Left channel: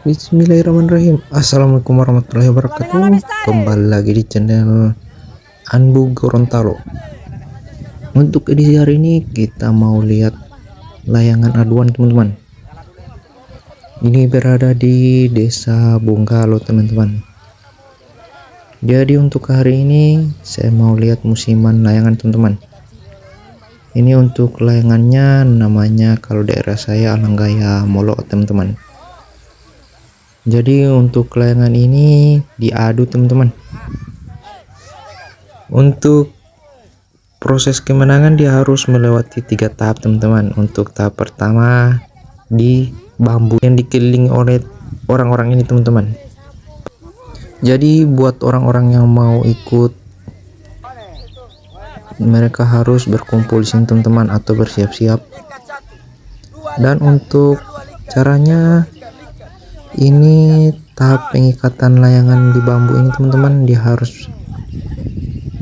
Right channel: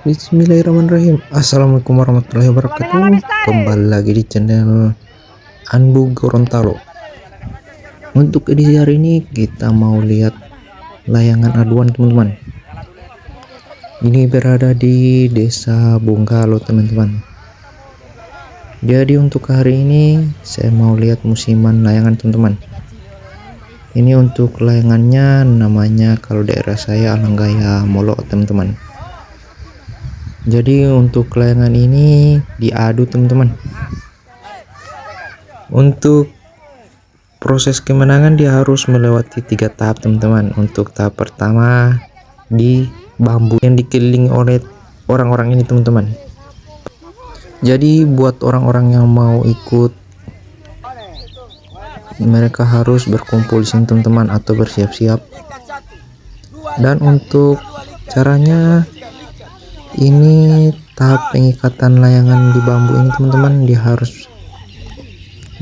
Bismillahirrahmanirrahim. Assalamualaikum warahmatullahi wabarakatuh. Kembali lagi di channel Anbu Gorontalo. Untuk edisi hari ini kita mau lihat layangan aduan teman-teman. Ini berada di Desa Bonggalo teman-teman. Jadi untuk hari ini saya mau lihat musiman layangan teman-teman. Ini untuk layangannya namanya kalau daerah saya Alanggaya Molo teman-teman. Jadi untuk layangan ini diadu teman-teman. Untuk proses kemenangan dia harus melewati 3 tahap teman-teman. Untuk tahap pertama di bambu yang dikelilingi oleh orang-orang ini teman-teman. Jadi buat orang-orang yang mau ikut, mereka harus berkumpul di sini teman-teman atau bersiap-siap. Dan untuk caranya, ini tahap pengikatan layangan di bambu ini teman-teman,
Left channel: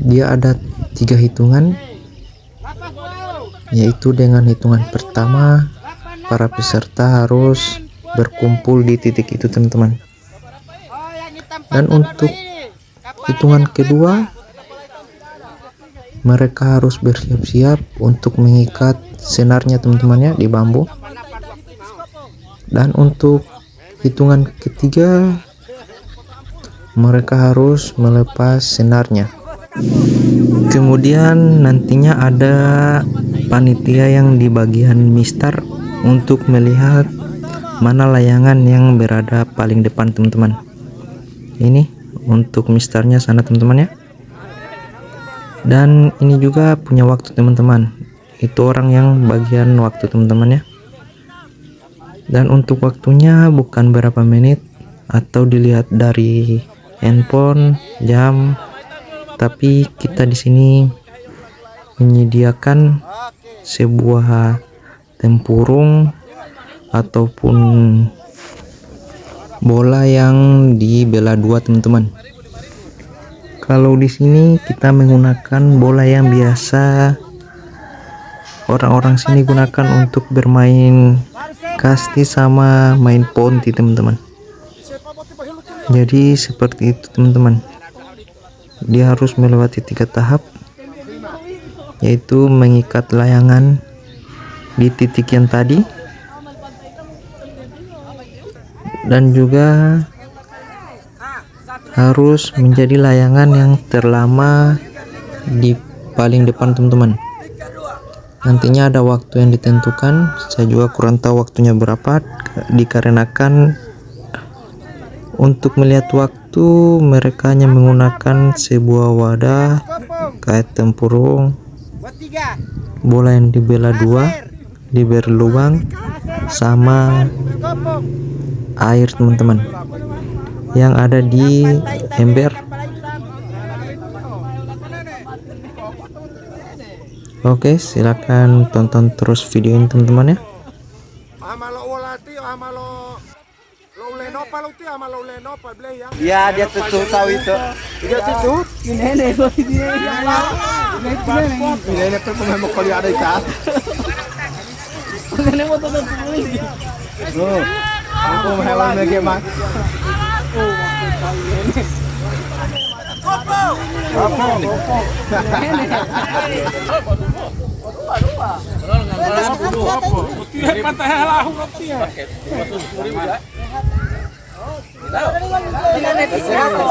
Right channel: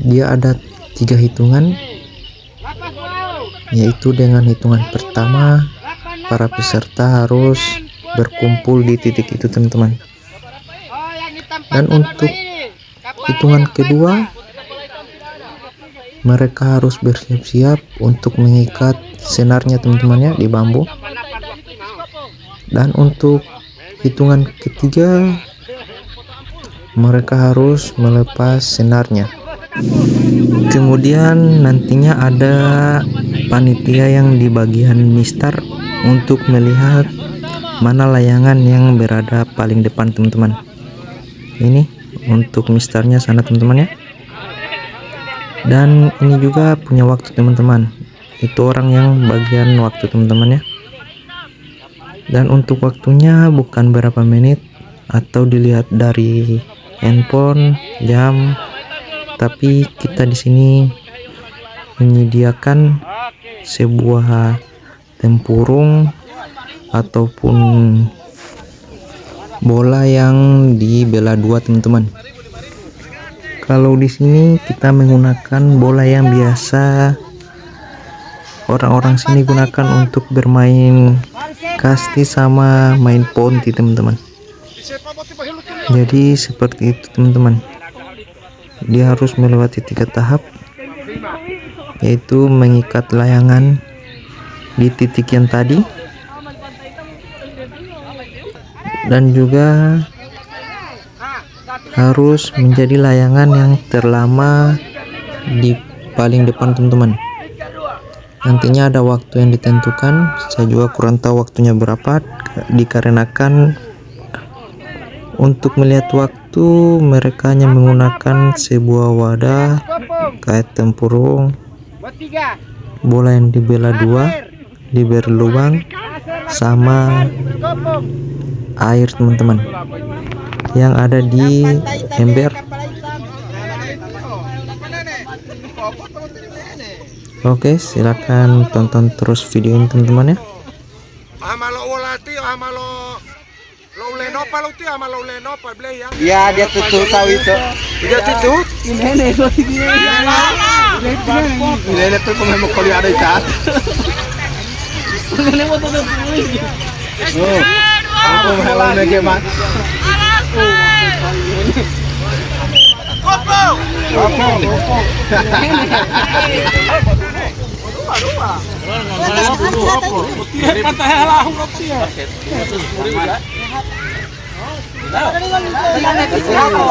dia ada 3 hitungan, yaitu dengan hitungan pertama para peserta harus berkumpul di titik itu teman-teman, dan untuk hitungan kedua mereka harus bersiap-siap untuk mengikat senarnya teman-teman ya di bambu, dan untuk hitungan ketiga mereka harus melepas senarnya. Kemudian nantinya ada panitia yang di bagian mistar untuk melihat mana layangan yang berada paling depan teman-teman. Ini untuk mistarnya sana teman-teman ya. Dan ini juga punya waktu teman-teman, itu orang yang bagian waktu teman-teman ya. Dan untuk waktunya bukan berapa menit atau dilihat dari handphone jam, tapi kita di sini menyediakan sebuah tempurung ataupun bola yang dibelah 2 teman-teman. Kalau di sini kita menggunakan bola yang biasa orang-orang sini gunakan untuk bermain kasti sama main ponti teman-teman. Jadi seperti itu teman-teman. Dia harus melewati 3 tahap, yaitu mengikat layangan di titik yang tadi, dan juga harus menjadi layangan yang terlama di paling depan teman-teman. Nantinya ada waktu yang ditentukan, saya juga kurang tahu waktunya berapa, dikarenakan untuk melihat waktu mereka hanya menggunakan sebuah wadah kayak tempurung, bola yang dibelah 2 diberi lubang, sama air teman-teman yang ada di ember. Oke, silakan tonton terus video ini teman-teman ya. Ya, dia tutup tahu itu. Dia tutup. Ini tuh mau kuliah ada cat. Ini mau tutup ini. Oh, aku mau lagi mas.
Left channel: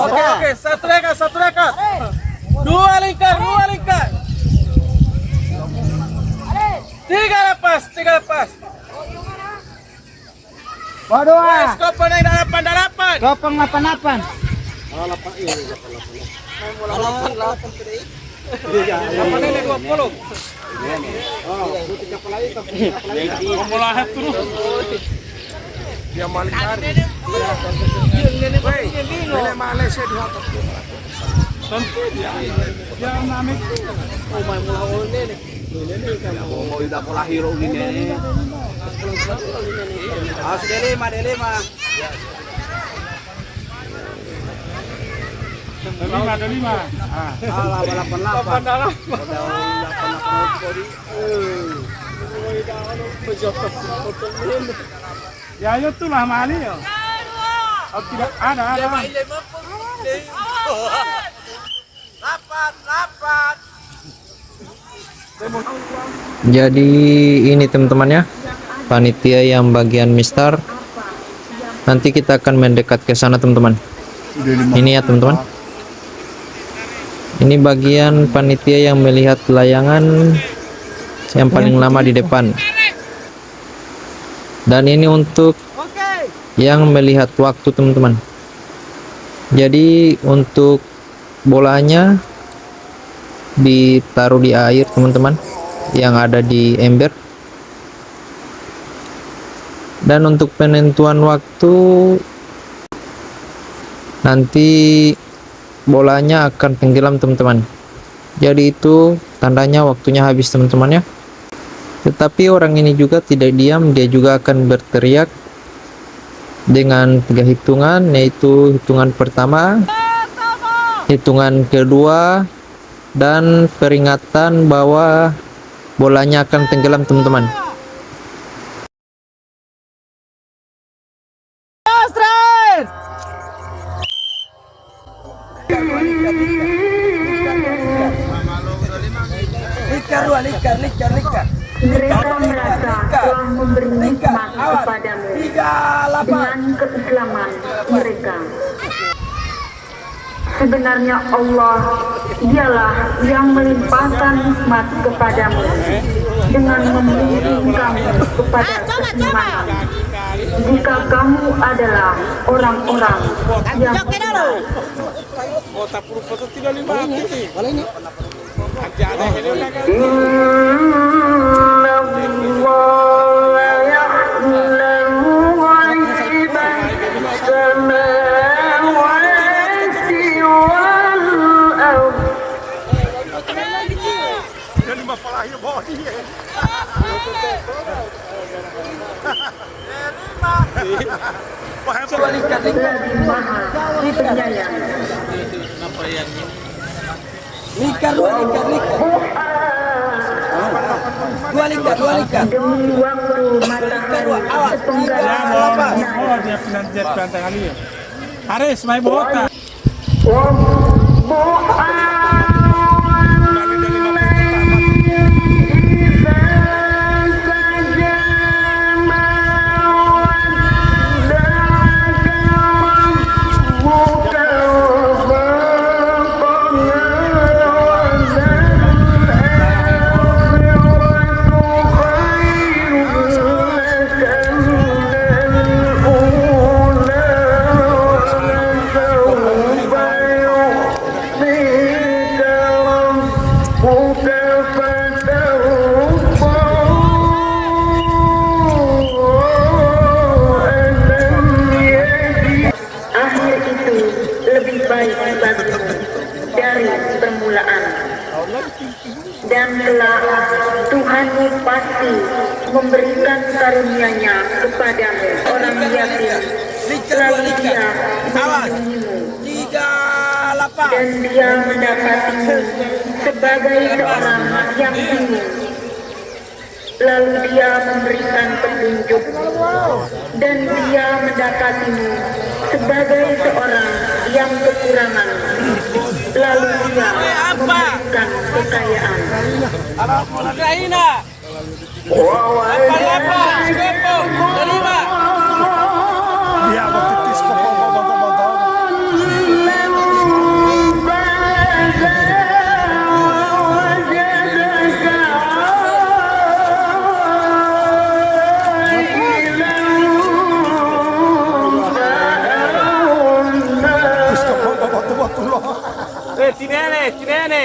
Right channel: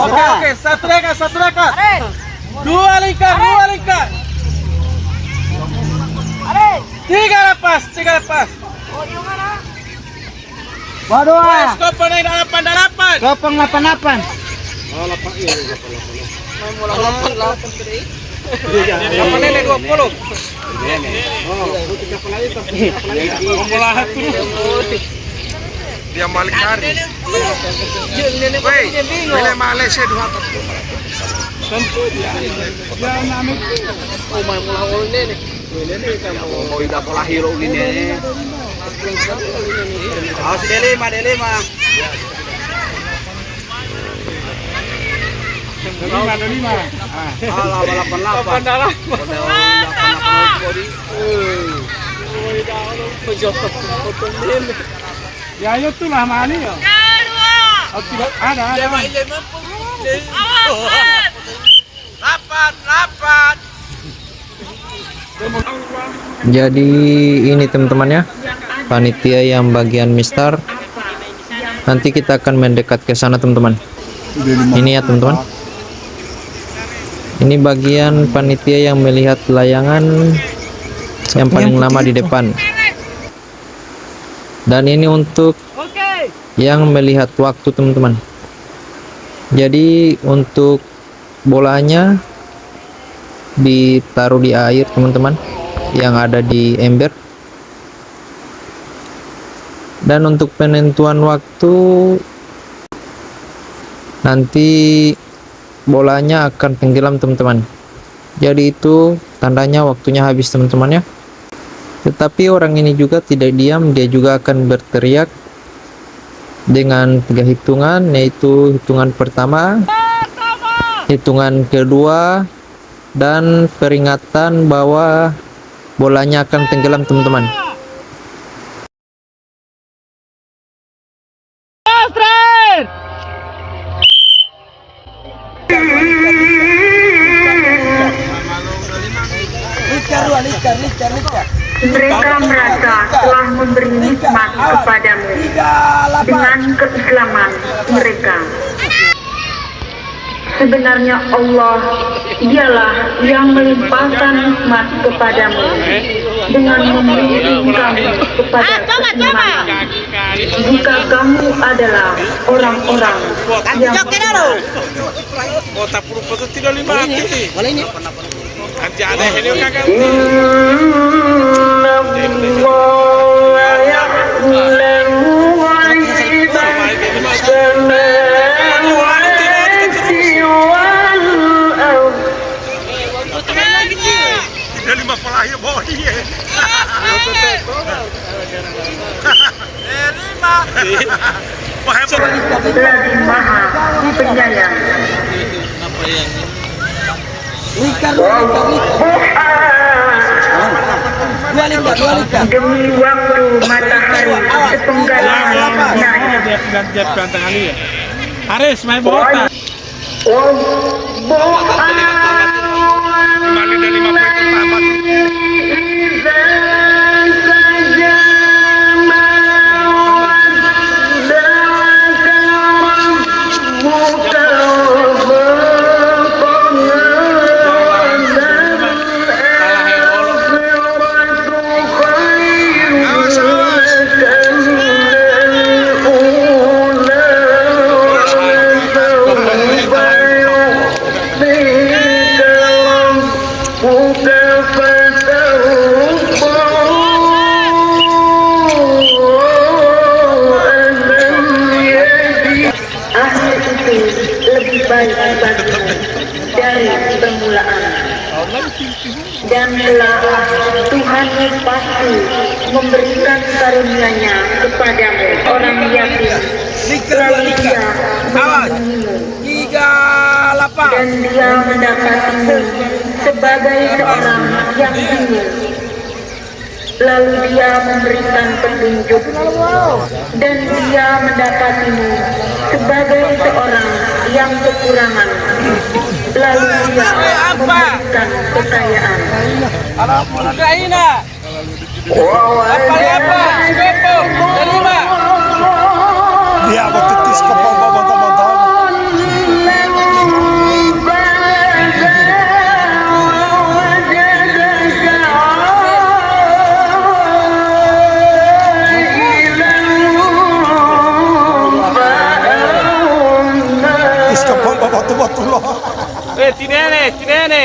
Oke, satu rekat. Dua lingkar. 3 lepas. Waduh. Kopong ini 8. Kopong 8. Dia balik hari. Woi, boleh Malaysia 2. Tentu dia. Dia namanya. Oh, mau mulai ini. Ini kan mau ida pola hero ini. Awas dele mah. Lima. Ah, 88. Ya itu lah mani ya. Oh, tidak ada. Rapat. Jadi ini teman-teman ya, panitia yang bagian mistar. Nanti kita akan mendekat ke sana teman-teman. Ini ya teman-teman. Ini bagian panitia yang melihat layangan yang paling lama di depan. Dan ini untuk yang melihat waktu teman-teman. Jadi untuk bolanya ditaruh di air teman-teman, yang ada di ember. Dan untuk penentuan waktu, nanti bolanya akan tenggelam teman-teman. Jadi itu tandanya waktunya habis teman-teman ya. Tetapi orang ini juga tidak diam, dia juga akan berteriak dengan 3 hitungan, yaitu hitungan pertama, hitungan kedua, dan peringatan bahwa bolanya akan tenggelam teman-teman. Mereka merasa telah memberi nikmat kepadamu dengan keislaman mereka. Sebenarnya Allah dialah yang melimpahkan nikmat kepadamu dengan membimbing kamu kepada keimanan. Jika kamu adalah orang-orang yang Kota Purwokerto tidak mati. Nanti ada ini kakak. Lagi maha penyayang. Dua liter. Demi waktu matahari sepenggal naik. Haris main bola. Kembali dari 5 poin pertama. Lebih baik bagimu dari permulaan, dan telah Tuhanmu pasti memberikan karunia-Nya kepadamu orang yatim, lalu Dia melindungimu dan Dia mendapatimu sebagai seorang yang bingung. Lalu Dia memberikan petunjuk dan Dia mendapatimu sebagai seorang yang kekurangan. Lalu Dia memberikan kekayaan. Ukraina. Apa? Skopong. Terima. Dia betis ke bawah. Tinene.